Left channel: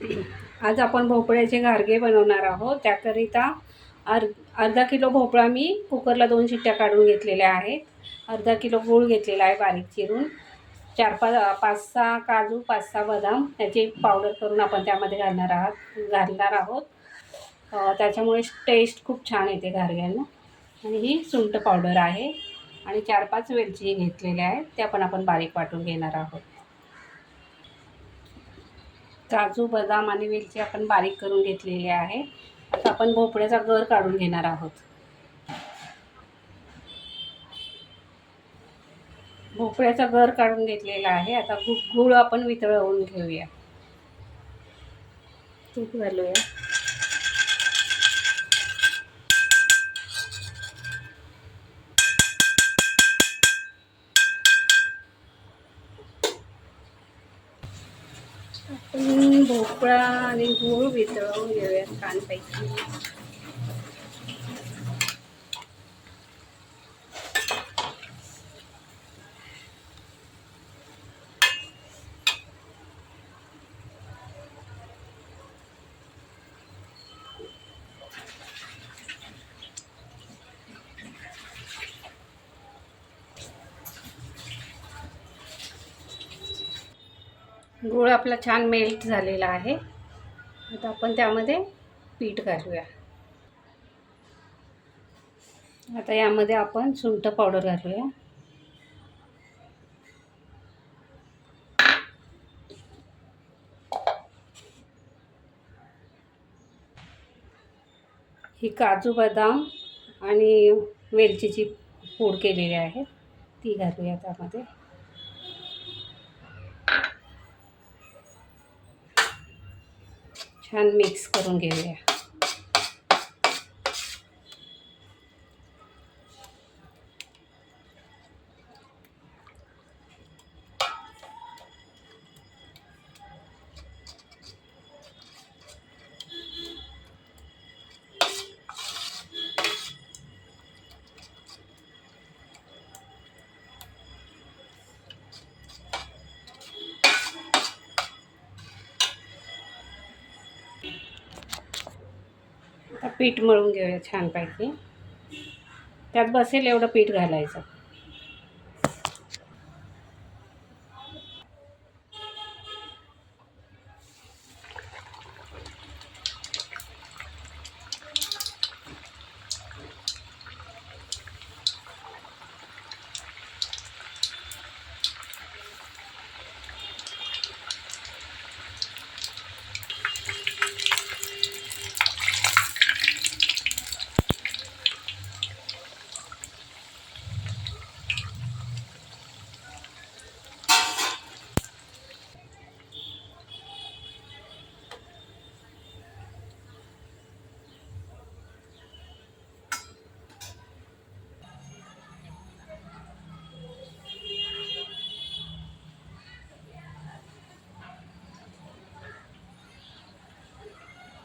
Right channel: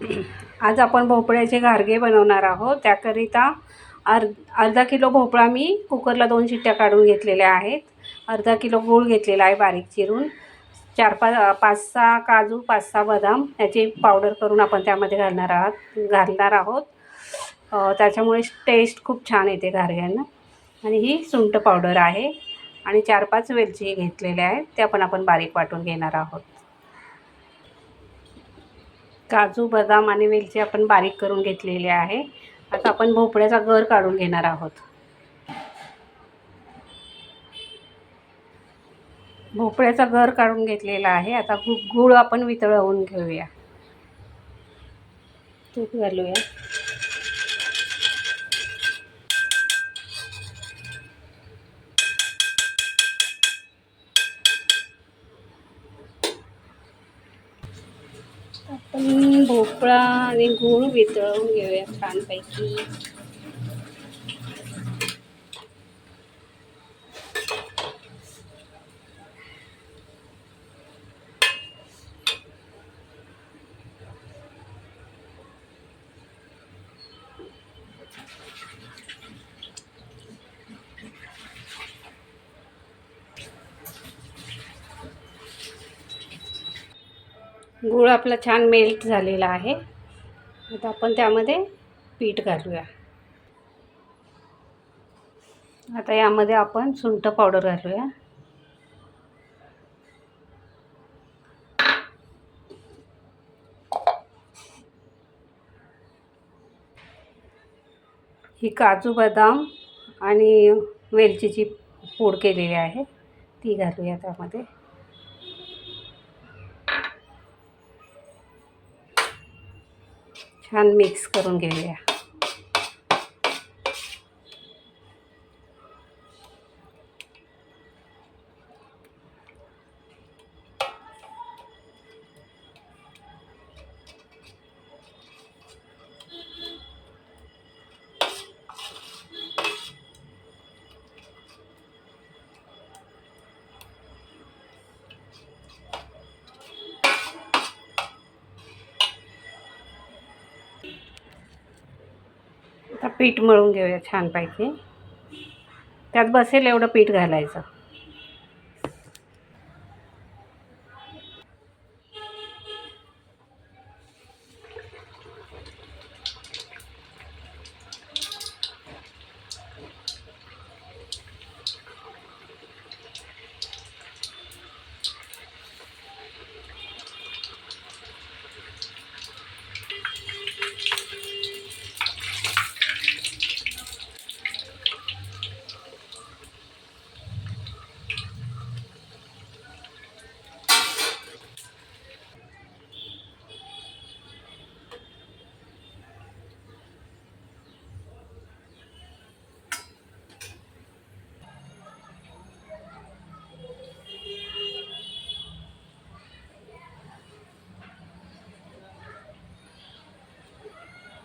आज आपण भोपळ्याचे घारगे बनवणार आहोत. त्याकरिता अर्धा किलो भोपळा मी कुकरला 2 शिट्ट्या काढून घेतलेल्या आहेत. अर्धा किलो गूळ घेतलेला आहे बारीक चिरून. 5-6 काजू, 5-6 बदाम याची पावडर करून आपण त्यामध्ये घालणार आहोत. त्याच्यामुळे टेस्ट खूप छान येते घारग्यांना. आणि ही सुंठ पावडर आहे आणि 4-5 वेलची घेतलेल्या आहेत, त्या पण आपण बारीक वाटून घेणार आहोत. काजू, बदाम आणि वेलची आपण बारीक करून घेतलेले आहे. आता आपण भोपळ्याचा गर काढून घेणार आहोत. भोपळ्याचा गर काढून घेतलेला आहे. आता गूळ आपण वितळवून घेऊया. तूप घालूया. आपण भोपळा आणि गूळ वितळवून घेऊया छानपैकी. गूळ आपला छान मेल्ट झालेला आहे. आता आपण त्यामध्ये पीठ घालूया. आता यामध्ये आपण सुंठ पावडर घालूया. ही काजू, बदाम आणि वेलचीची पूड केलेली आहे ती घालूया त्यामध्ये. छान मिक्स करून घेऊया. आता पीठ मळून घेऊया छानपैकी. त्यात बसेल एवढं पीठ घालायचं.